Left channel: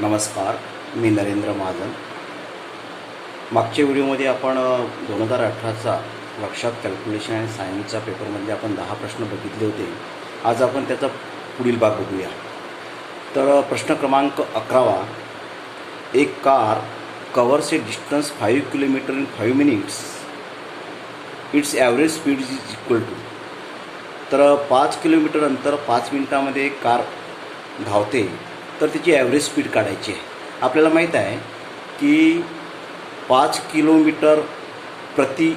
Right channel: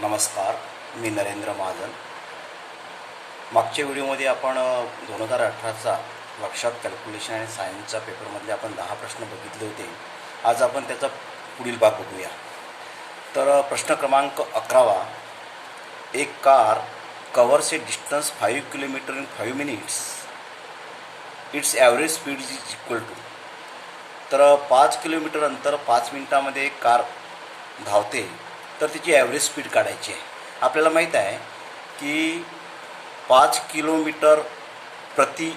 नमस्कार, मी नरेंद्र महाजन. मागच्या व्हिडिओमध्ये आपण 2018चा वर्कशॉप कॅल्क्युलेशन आणि सायन्सच्या पेपरमधले आपण 10 प्रश्न बघितले होते. आज आपण त्याचा पुढील भाग बघूया. तर प्रश्न क्रमांक 11. एक car covers a distance 5 kilometre in 5 minutes. Its average speed is equal to. तर 5 किलोमीटर अंतर 5 मिनिटामध्ये एक कार धावते, तर तिची ॲव्हरेज स्पीड काढायची आहे. आपल्याला माहीत आहे की 5 किलोमीटर प्रति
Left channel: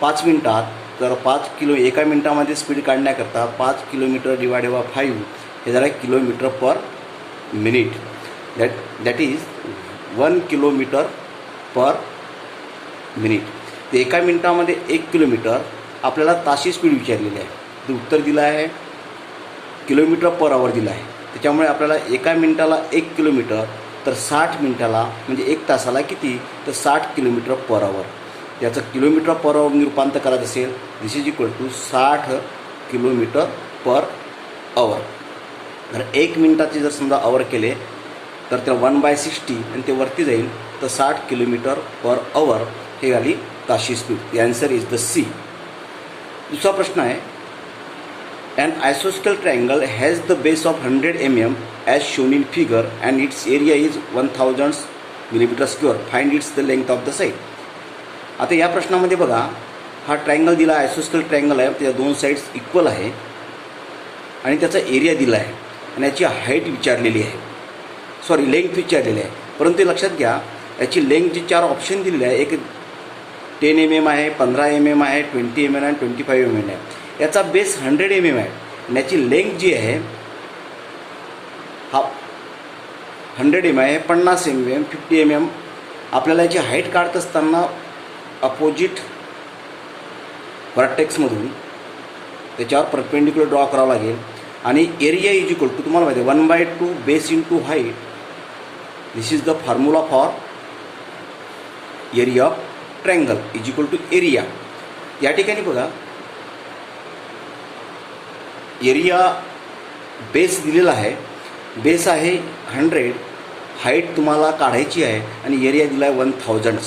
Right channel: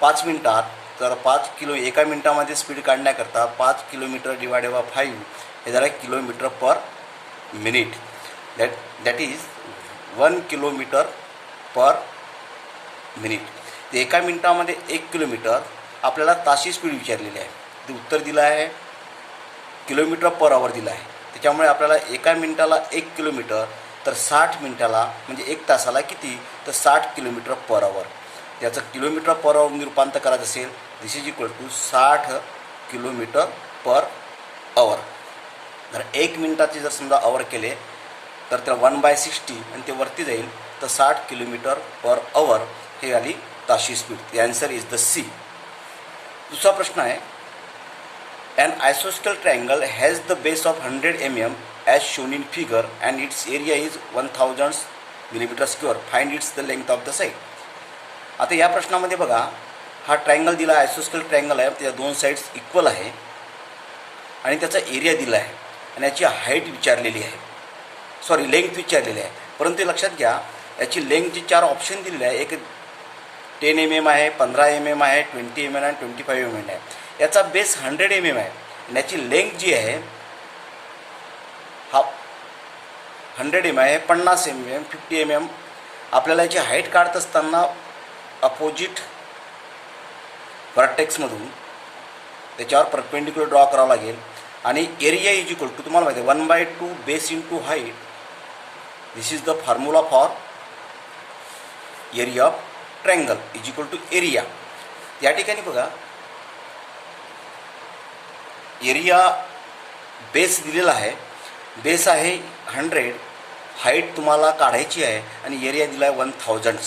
5 मिनिटात, तर 5 किलो एका मिनिटामध्ये स्पीड काढण्याकरता 5 किलोमीटर डिवायडेड बाय 5 हे झालं kilometre per minute. That is 1 kilometre per minute. तर एका मिनिटामध्ये 1 किलोमीटर. आपल्याला ताशी स्पीड विचारलेली आहे. ते उत्तर दिलं आहे किलोमीटर पर आवर दिलं आहे. त्याच्यामुळे आपल्याला एका मिनिटाला 1 किलोमीटर, तर 60 मिनिटाला म्हणजे 1 तासाला किती, तर 60 किलोमीटर पर आवर. याचं किलोमीटर पर आवर रूपांतर करायचं असेल, this is equal to 60 kilometre per hour. जर 1 मिनिटाचे जर समजा आवर केले तर त्याला 1/60 आणि ते वरती जाईल, तर 60 किलोमीटर पर आवर हे आली ताशी speed. The answer is the C. दुसरा प्रश्न आहे, an isosceles triangle has the base of 100 mm as shown in figure and its area is 1000 millimeter square. Find its the length of the side. आता या प्रश्नामध्ये बघा, हा triangle दिला, आयसोस्केल triangle आहे. त्याच्या 2 साईड्स इक्वल आहे आणि त्याचा एरिया दिला आहे आणि याची हाईट विचारलेली आहे, लेंथ विचारलेली आहे. परंतु लक्षात घ्या, याची लेंथची 4 ऑप्शन दिलेले आहे. एक 10 mm आहे, 15 mm आहे, 20 mm आणि 25 mm आहे. याचा बेस 100 mm आहे आणि याची लेंथ जी आहे हा 100 mm आहे, 50 mm, 50 mm. आपल्याला याची हाईट काढत असताना अपोजिट व्हर्टेक्समधून त्याच्यावर परपेंडिक्युलर ड्रॉ करावं लागेल. आणि एरिया इज इक्वल टू, तुम्हाला माहिती आहे, 1/2 base into height. This is the formula for area of triangle is equal to area. या ठिकाणी बघा, एरिया बेस दिलेला आहे. बेस आहे 100, हाईट तुम्हाला काढायची आहे आणि एरिया दिला आहे 1000.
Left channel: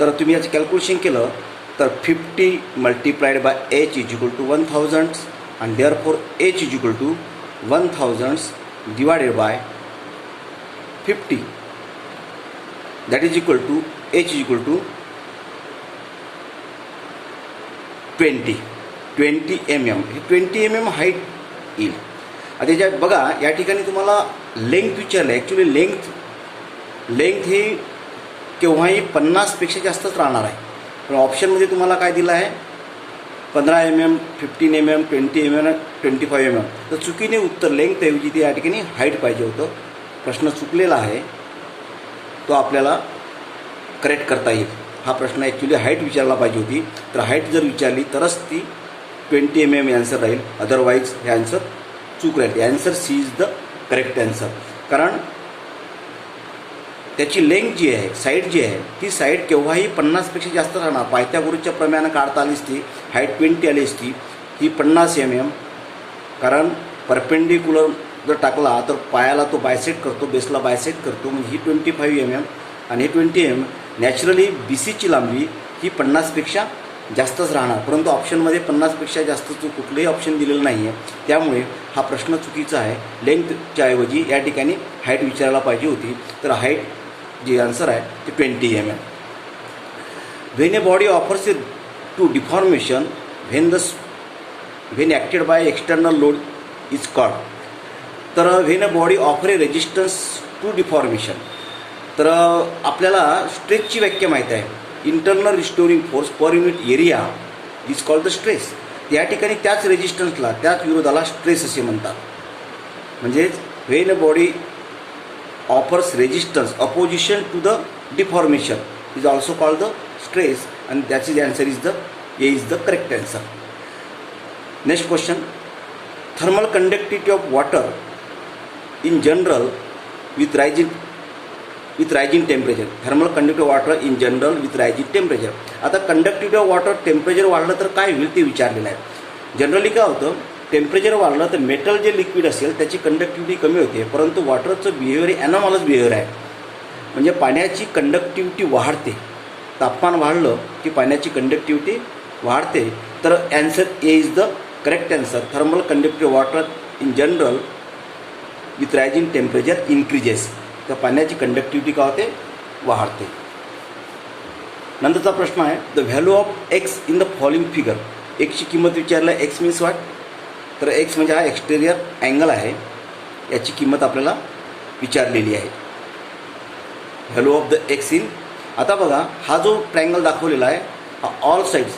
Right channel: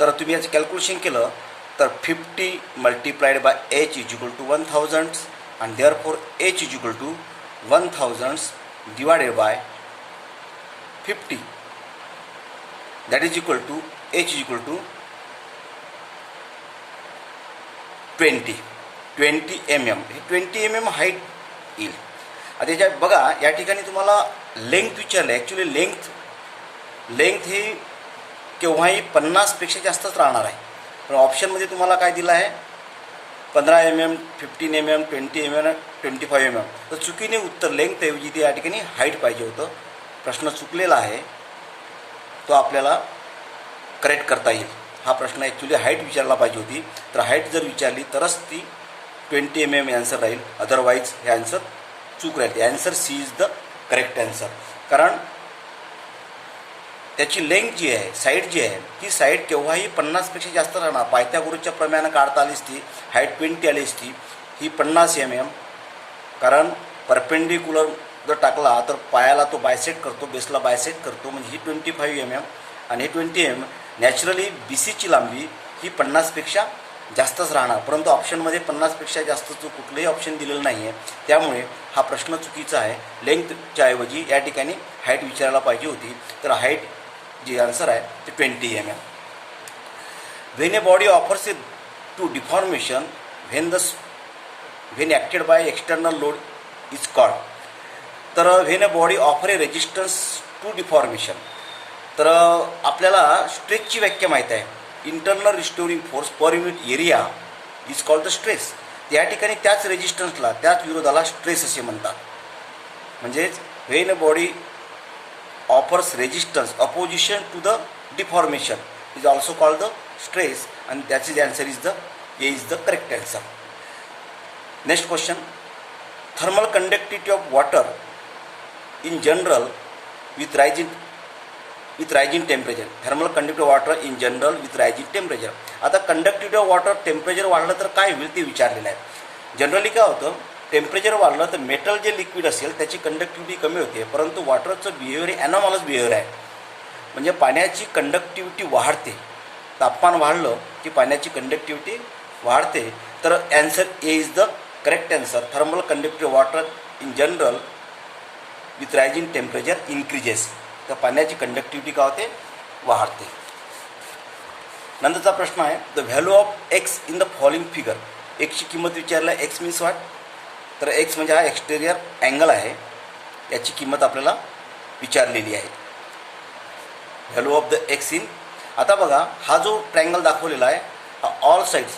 तर तुम्ही याचं कॅल्क्युलेशन केलं तर 50 multiplied by h is equal to 1000 आणि therefore h is equal to 1000 divided by 50. That is equal to h is equal to 20 mm. हे 20 mm हाईट येईल. आता याच्यात बघा, या ठिकाणी तुम्हाला लेंथ विचारलं आहे. ॲक्च्युली लेंथ ही केव्हाही 50पेक्षा जास्तच राहणार आहे. पण ऑप्शनमध्ये तुम्हाला काय दिलं आहे, 15 mm, 15 mm, 20 mm, 25 mm. तर चुकीने उत्तर लेंथऐवजी ते या ठिकाणी हाईट पाहिजे होतं. प्रश्न चुकलेला आहे, तो आपल्याला करेक्ट करता येईल. हा प्रश्न ॲक्च्युली हाईट विचारला पाहिजे होती. तर हाईट जर विचारली तरच ती 20 mm आन्सर राहील, अदरवाईज हे आन्सर चूक राहील. Answer C is the correct answer. कारण त्याची लेंथ जी आहे, साईड जी आहे, ती साईड केव्हाही 50पेक्षा जास्त राहणार. पायथागोरसच्या प्रमाणे काढता आली असती, हाईट 20 आली असती. ही 50 mm, कारण परपेंडिक्युलर जर टाकला तर पायाला तो बायसेक्ट करतो, बेसला बायसेक्ट करतो, म्हणजे ही 25 mm आणि 20 mm. नॅचरली BCची लांबी ही 50पेक्षा जास्तच राहणार. परंतु ऑप्शनमध्ये 50पेक्षा जास्तचं कुठलंही ऑप्शन दिलेलं नाही आहे. त्यामुळे हा प्रश्न चुकीचा आहे. लेंथच्या ऐवजी या ठिकाणी हाईट विचारायला पाहिजे होती. तर हाईट जी आन्सर आहे ते 20 mm. When a body offers a to deformation when acted by external load is called. तर when a body offer a resistance to deformation. तर आपल्याला स्ट्रेसची व्याख्या माहीत आहे, internal restoring force per unit area is called the stress. या ठिकाणी त्याच रेजिस्टन्सला, त्याच विरोधाला स्ट्रेस असे म्हणतात. म्हणजेच when a body offers resistance opposition to the deformation is also called the stress. आणि that is answer is the A is the correct answer. Next question, thermal conductivity of water in general with rising temperature. Thermal conductivity of water in general with rising temperature. आता conductivity of water temperature वाढलं तर काय होईल ते विचारलेलं आहे. Generally काय होतं, टेम्परेचर वाढलं तर मेटल जे लिक्विड असेल त्याची कंडक्टिव्हिटी कमी होते, परंतु वॉटरचं बिहेवियर हे ॲनॉमलस बिहेवियर आहे. म्हणजे पाण्याची कंडक्टिव्हिटी वाढते. तापमान वाढलं की पाण्याची कंडक्टिव्हिटी वाढते. तर answer A is the correct answer. Thermal conductive water in general with rising temperature increases. तर पाण्याची कंडक्टिव्हिटी काय होते, वाढते. नंतरचा प्रश्न आहे the value of X in the following figure. एक्सची किंमत विचारलं. एक्स मीन्स व्हॉट, तर एक्स म्हणजे हा एक्सटेरियर अँगल आहे, याची किंमत आपल्याला विचारलेली आहे. Value of the x in. आता बघा हा जो ट्रायंगल दाखवलेला आहे हा ऑल साईड्स,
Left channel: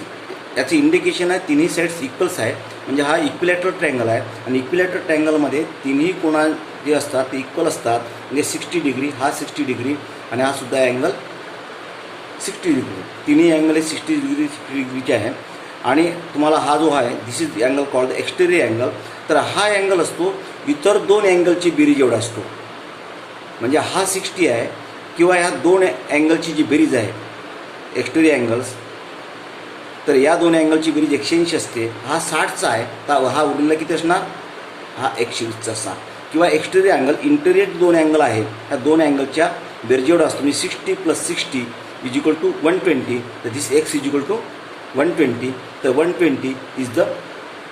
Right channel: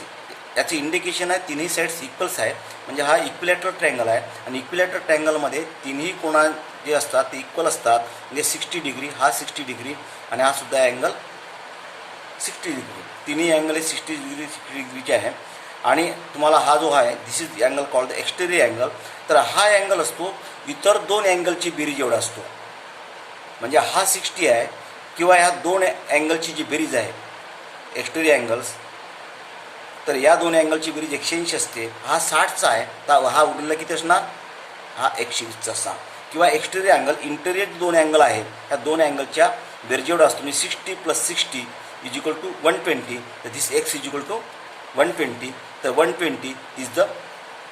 याचे इंडिकेशन आहे तिन्ही साईड्स इक्वल्स आहे. म्हणजे हा इक्विलॅटरल ट्रायंगल आहे आणि इक्विलॅटरल ट्रायंगलमध्ये तिन्ही कोणा जे असतात ते इक्वल असतात. म्हणजे 60 डिग्री, हा 60 डिग्री आणि हा सुद्धा अँगल 60 डिग्री. तिन्ही अँगल हे 60 डिग्रीचे आहे. आणि तुम्हाला हा जो आहे this is angle called exterior angle. तर हा अँगल असतो इतर दोन अँगलची बेरीज एवढा असतो. म्हणजे हा 60 आहे किंवा ह्या दोन अँगलची जी बेरीज आहे एक्सटेरियर अँगल्स, तर या दोन अँगलची बेरीज 180 असते. हा 60चा आहे, तर हा उरलेला किती असणार, हा 120चा असणार. किंवा एक्सटेरियर अँगल इंटेरियर दोन अँगल आहे, ह्या दोन अँगलच्या बेरीज एवढा असतो. म्हणजे 60 + 60 इज इक्वल टू 120. तर this X is equal to 120. तर 120 इज द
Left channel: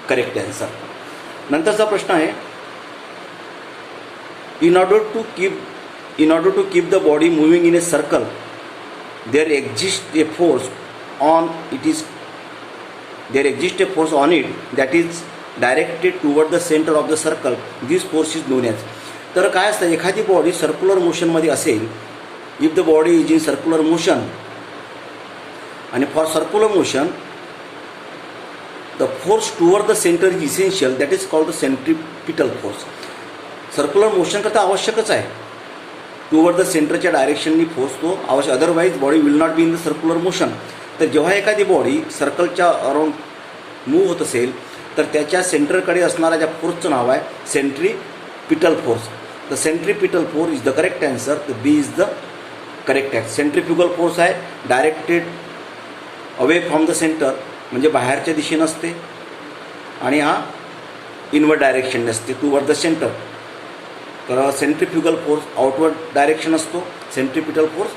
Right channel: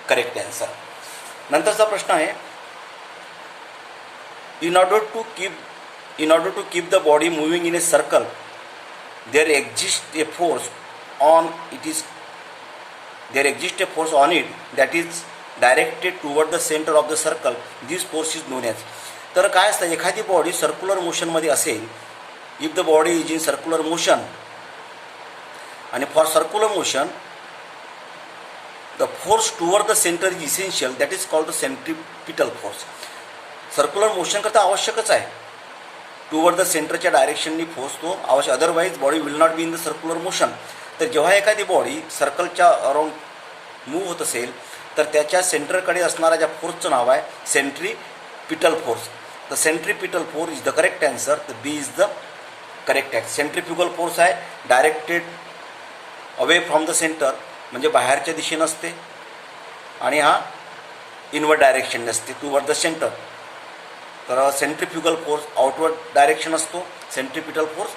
करेक्ट ॲन्सर. नंतरचा प्रश्न आहे in order to keep the body moving in a circle there exists a force on it that is directed toward the center of the circle. This force is known as. तर काय असतं, एखादी body circular मोशनमध्ये असेल, if the body is in circular motion, आणि for circular motion the force toward the centre is essential, that is called the centripetal force. Circular motion करता आवश्यकच आहे, टुवर्ड द सेंटरच्या डायरेक्शननी फोर्स तो आवश्यक, otherwise body will not be in the circular motion. तर जेव्हा एखादी बॉडी सर्कलच्या अराउंड मूव्ह होत असेल तर त्याच्या सेंटरकडे असणाऱ्या ज्या फोर्सचं नाव आहे सेंट्रिपिटल फोर्स. तर centripetal force is the correct answer. तर B is the correct answer. Centrifugal force आहे directed away from the centre, म्हणजे बाहेरच्या दिशेनं असते, आणि हा इनवर्ड डायरेक्शन असते टुवर्ड द सेंटर. तर सेंट्रिफ्युगल फोर्स आउटवर्ड डायरेक्शन असतो, centripetal force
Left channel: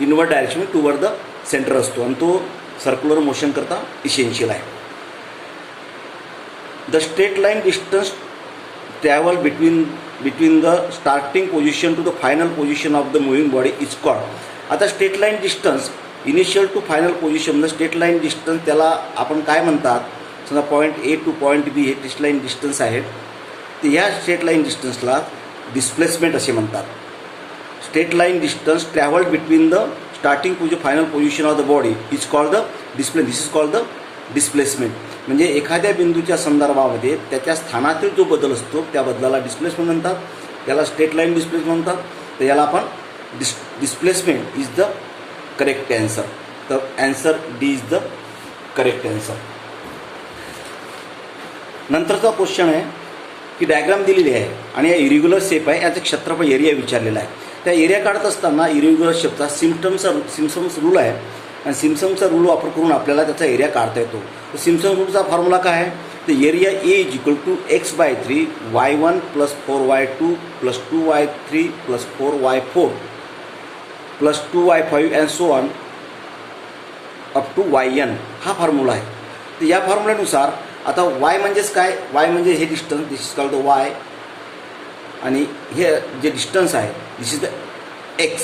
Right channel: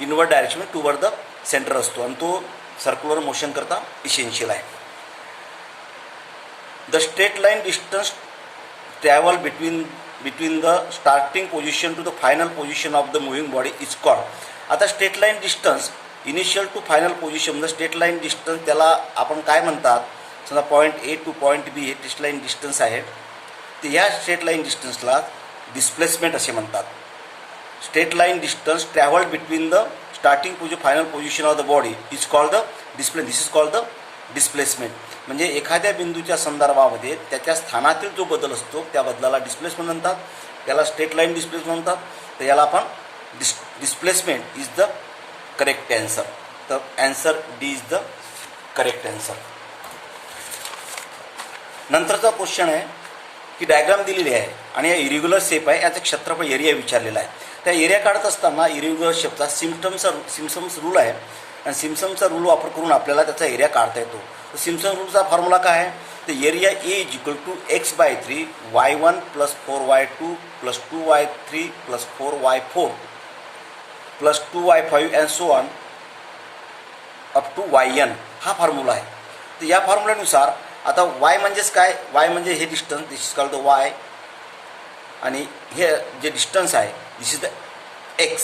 inward direction toward the centre असतो, आणि तो सर्क्युलर मोशन करता इसेन्शियल आहे. The straight line distance travel between the starting position to the final position of the moving body is called. आता straight line distance initial to final position, म्हणजे straight line distance त्याला आपण काय म्हणतात, समजा point A to point B हे straight line distance आहे, तर ह्या स्ट्रेट लाईन डिस्टन्सला डिस्प्लेसमेंट असे म्हणतात. Straight line distance travelled between the starting position final position of the body is called the this is called the displacement. म्हणजे एखाद्या बिंदूच्या संदर्भामध्ये त्याच्या स्थानातील जो बदल असतो त्या बदलाला डिस्प्लेसमेंट म्हणतात, त्याला स्ट्रेट लाईन डिस्प्लेसमेंट म्हणतात. तर याला आपण displacement is the correct answer. तर answer D is the correct answer. नंतरचा क्वेश्चन आहे की डायग्राम दिलेली आहे आणि या इरेग्युलर शेप आहे, याचं क्षेत्रफळ एरिया विचारलेला आहे. त्या एरिया काढत असताना इरेग्युलर शेपचा सिम्पसन्स रूल आहे, आणि सिम्पसनचा रूल वापर करून आपल्याला त्याचा एरिया काढता येतो. तर सिम्पसन रूलचा फॉर्म्युला काय आहे, तर area A is equal to x/3 y1 + 4y2 + 2y3 + 4y4 + 2y5 and so on up to yn. हा फॉर्म्युला आहे. तर या फॉर्म्युल्यानुसार आता y म्हणजेच काय, y म्हणजे हे distance, this is called the y, आणि हे जे डिस्टन्स आहे दिस इज द x.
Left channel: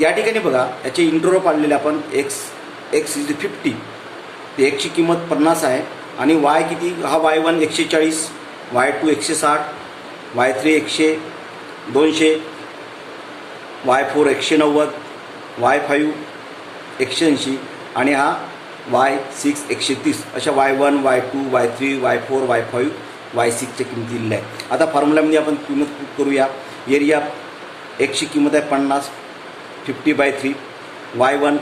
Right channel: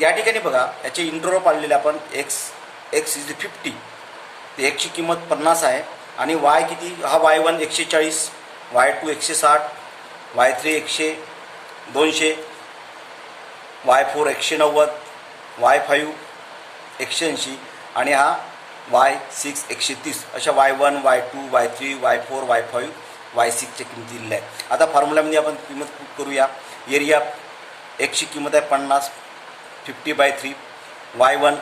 या ठिकाणी बघा याचे इंटरव्हल पाडलेले आपण x इज 50, ते एक्सची किंमत 50 आहे, आणि y किती, हा y1 140, y2 160, y3 200, y4 190, y5 180, आणि हा y6 130. अशा y1 y2 y3 y4 y5 y6च्या किमती दिलेल्या आहे. आता फॉर्म्युल्यामध्ये आपण किंमत पुट करूया. एरिया एक्सची किंमत आहे 50, 50/3, y1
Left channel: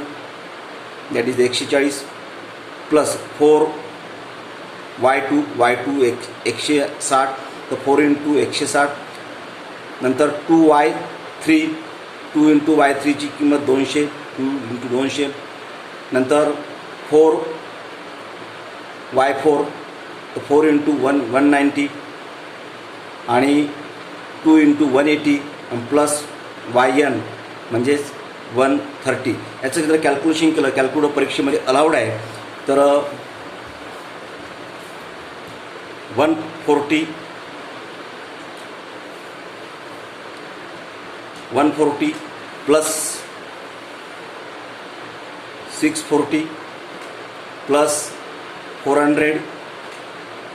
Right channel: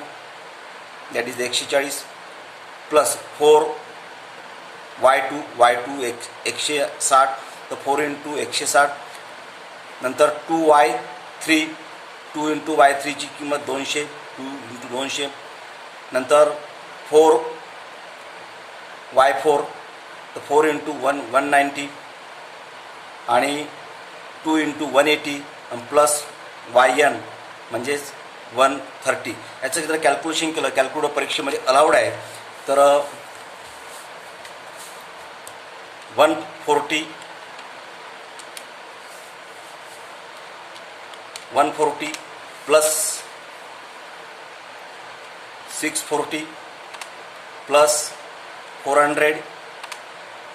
that is 140 plus 4 y2 160, तर 4 × 160, नंतर 2y3 2 × y3ची किंमत 200, 2 × 200, नंतर 4y4 तर 4 इंटू 190 आणि 2 इंटू 180 आणि प्लस YN म्हणजेच 130. याचं जर कॅल्क्युलेशन केलं, कॅल्क्युलेटर परीक्षेमध्ये अलाउड आहे, तर 140 plus 640 plus 400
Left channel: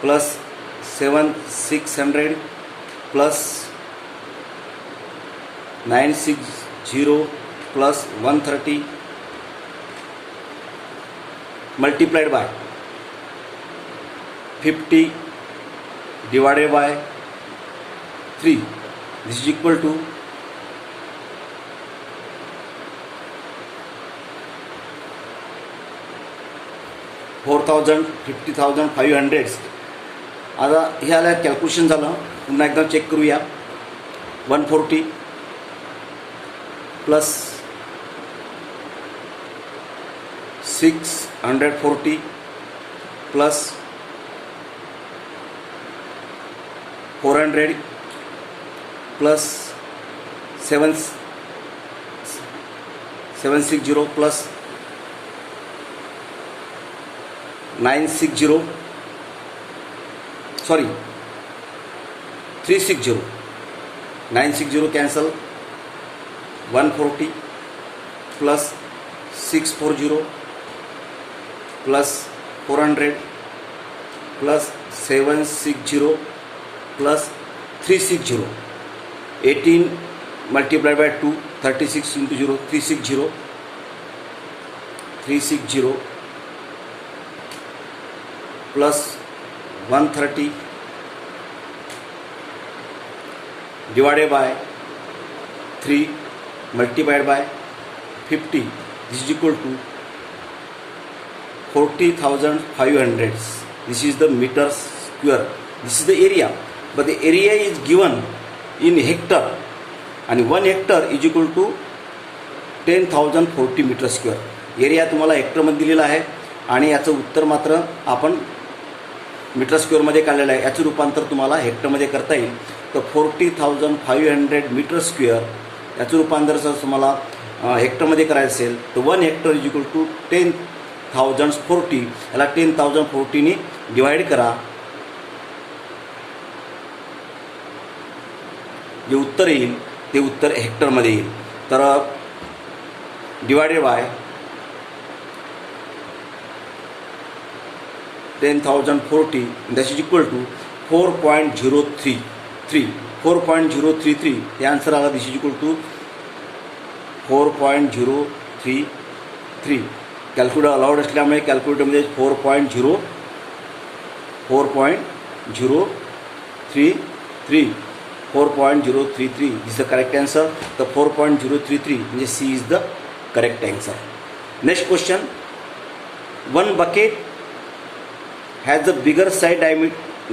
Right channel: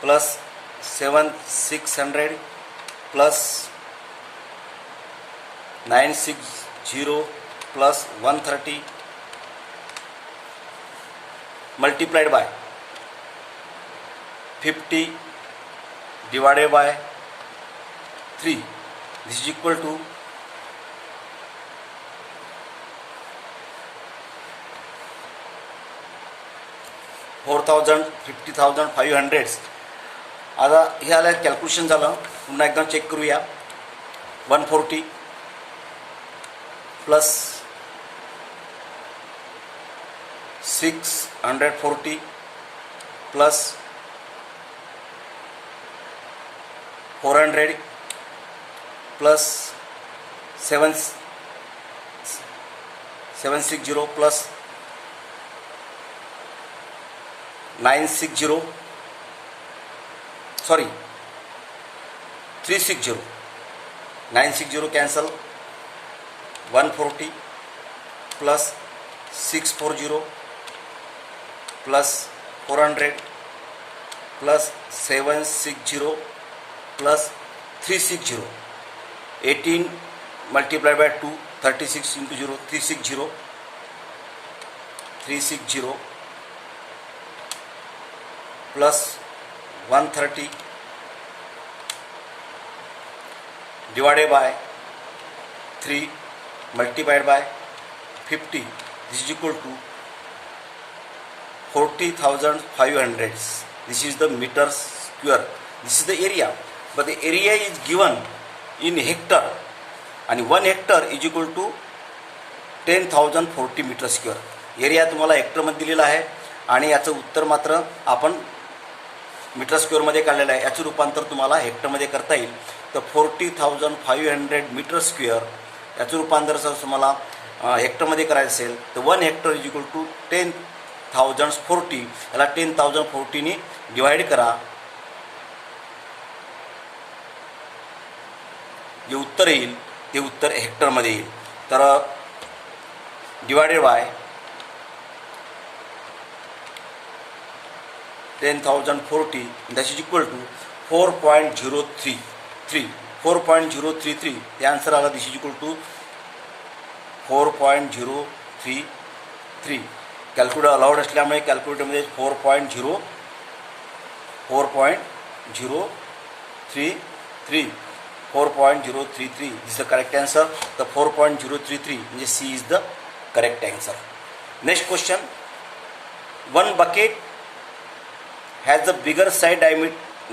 plus 600 plus 960 plus 130 multiplied by 50 divided by 3. This is equal to 4,000, 50,000, 500. आता हे आलं कॅल्क्युलेशन झालं. पुन्हा एकदा चेक करूया. 140 plus 640 plus 400 plus 760 plus 960 sorry 360 960 cancel 140 plus 640 plus 400 plus 760 plus 360 18 multiplied by 2 36 into 0 360 plus 130 divided by 3 multiplied by 50. This is equal to 40,500. This is the meter square. This is the area, but the area is given in hectare, and 1 hectare is equal to 10,040 meter square. Area तुम्हाला हेक्टरमध्ये दिलेला आहे आणि याचं उत्तर मात्र आपण metre स्क्वेअरमध्ये काढलेलं आहे. याचं रूपांतर तुम्हाला हेक्टरमध्ये करता येईल. तर 40,500 मीटर स्क्वेअर याचं रूपांतर जर तुम्हाला हेक्टरमध्ये करायचं असेल तर 1 हेक्टर इज इक्वल टू 10,040. याला 10,040 डिवाइड करा. जे उत्तर येईल ते उत्तर हेक्टरमध्ये येईल. तर divided by 10,040 that is equal to 4.033. 4.033 हे आन्सर आला. This is equal to 4.033. Calculator allowed असल्यामुळे कॅल्क्युलेटरमध्ये 4.033 4.033 इज द करेक्ट आन्सर. तर 4.033 म्हणजे C is the correct answer. Next question. One bucket has the bigger side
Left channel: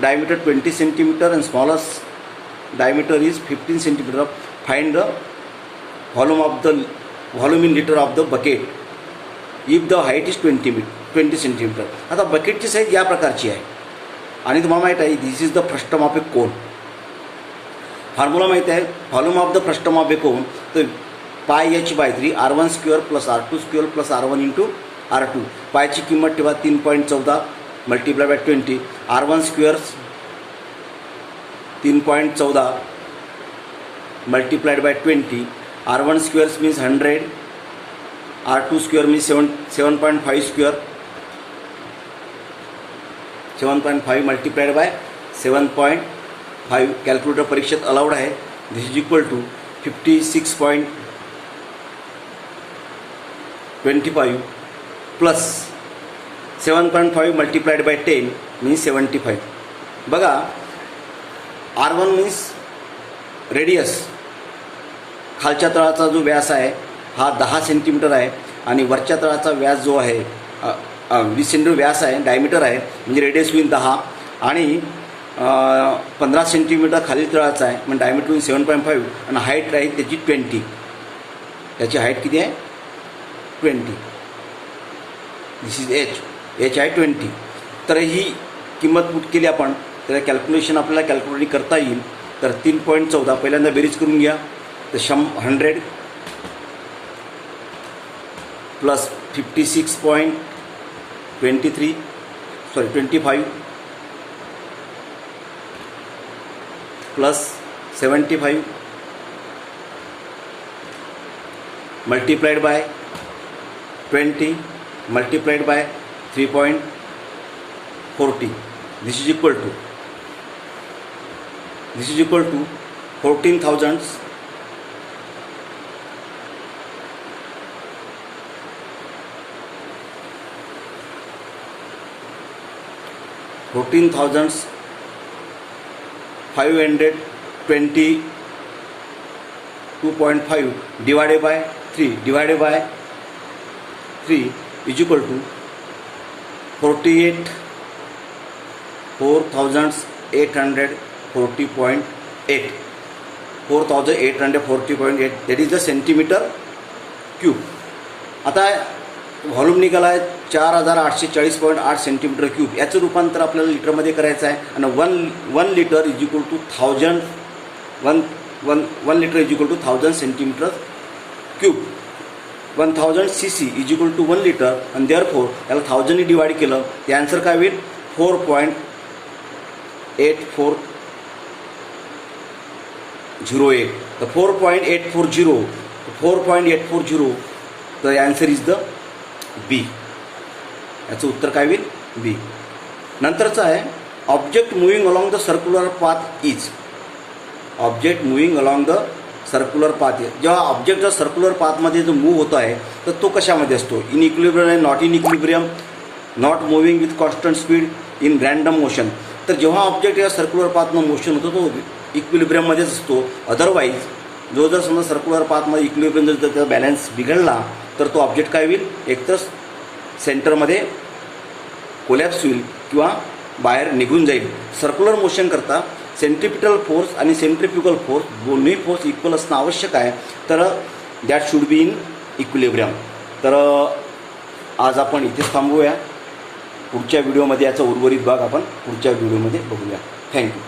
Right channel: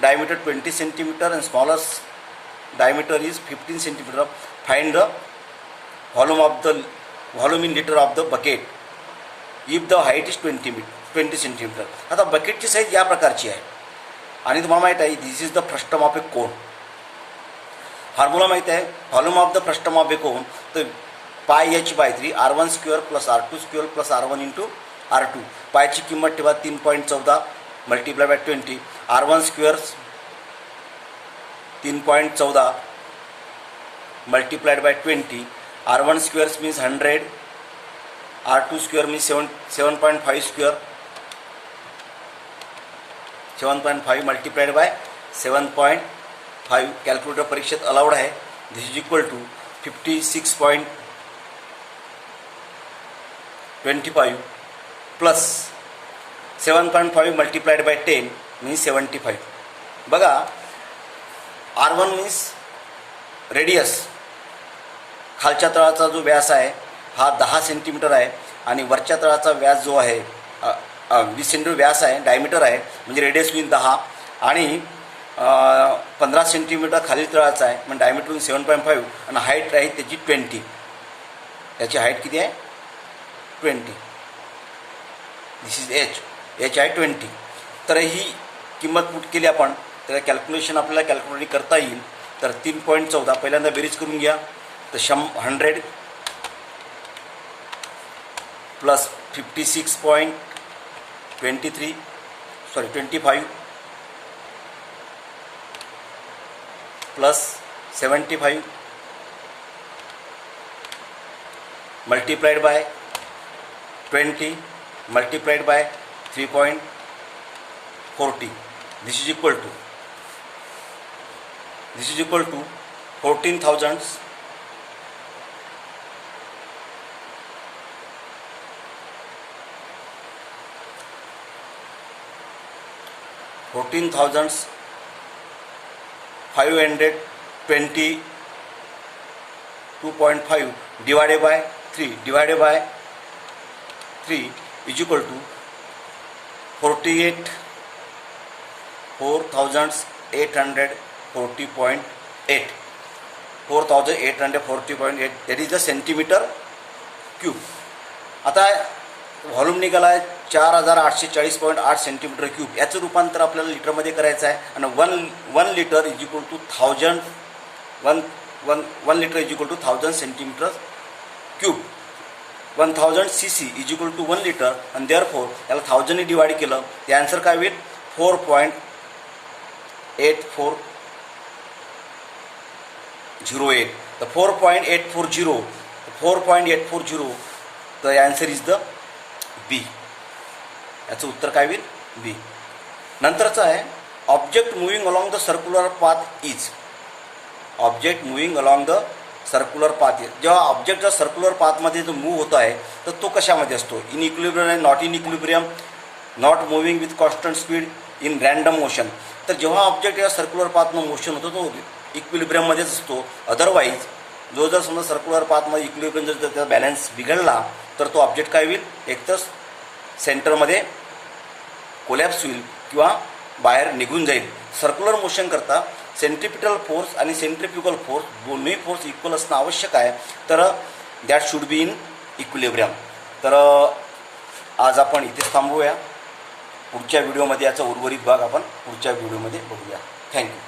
diameter 20 centimeter and smallest diameter is 15 centimeter. Find the volume in liter of the bucket if the height is 20 centimeter. आता बकेटची size या प्रकारची आहे आणि तुम्हाला माहीत आहे this is the frustum of a cone. Formula माहीत आहे. Volume of the frustum of a cone तर πh/3 r1 square plus r2 square plus r1 into r2. पायची किंमत ठेवा 3.14 multiply by 20. r1 square 3.14 multiplied by 20. r1 square means 100. r2 square means 7.5 square 7.5 multiplied by 7.5. Calculator परीक्षेत allowed आहे. This is equal to 56.25 plus 7.5 multiplied bye 10 means 75. बघा r1 means radius, खालच्या तळाचा जो व्यास आहे हा 10 सेंटीमीटर आहे आणि वरच्या तळाचा व्यास जो आहे 20 सेंटीमीटर व्यास आहे, डायमीटर आहे म्हणजे रेडियस होईल 10 आणि 15 सेंटीमीटर खाली तळाचा आहे म्हणजे डायमीटर होईल 7.5 आणि हाईट आहे त्याची 20. त्याची हाईट किती आहे 20. दिस इज एच आहे 20. तर ही किंमत पुट केली आपण, त्याचं कॅल्क्युलेशन आपल्याला कॅल्क्युलेट करता येईल. तर 3.14 पहिल्यांदा बेरीज करून घ्या. तर 100 plus 25 plus 75 multiplied by 20 multiplied by 3.40. This is equal to 14,000 522.5 divided by 3 is equal to 4,840.8. 4,840.8 that is the centimeter cube. आता व्हॉल्यूम निघाला आहे 4,840.8 सेंटीमीटर क्यूब. याचं रूपांतर आपल्याला लिटरमध्ये करायचं आहे. आणि one litre is equal to 1 litre is equal to 1000 centimetre cube. 1000 cc is equal to 1 litre. आणि देअरफोर याला 1000 ने डिवाइड केलं ते आन्सर काय होईल 4.8408. तर 4.840 तर आन्सर इज द बी. याचं उत्तर काय होईल बी. नंतरचं आहे object moving along the circular path is. Object moving along the circular path. जेव्हा ऑब्जेक्ट जर सर्क्युलर पाथमध्ये जो मूव्ह होत आहे तर तो कशामध्ये असतो, इन इक्विलिब्रियम आहे, not in equilibrium, not moving with constant speed, in random motion. तर जेव्हा ऑब्जेक्ट या सर्क्युलर पाथनं मोशन होतो तो इक्विलिब्रियममध्येच असतो. अदरवाईज जो जर समजा सर्क्युलर पाथमध्ये इक्विलिब्रियम जर त्याचा बॅलन्स बिघडला तर तो ऑब्जेक्ट काय होईल, एकतर सेंटरमध्ये कोलॅप्स होईल किंवा बाहेर निघून जाईल. सर्क्युलर मोशन करता सेंट्रिपिटल फोर्स आणि सेंट्रिफ्युगल फोर्स दोन्ही फोर्स इक्वल असणं आवश्यक आहे. तर that should be in equilibrium. तर आज आपण इथेच थांबवूया. पुढच्या व्हिडिओमध्ये याचा उर्वरित भाग आपण पुढच्या व्हिडिओमध्ये बघूया. थँक्यू.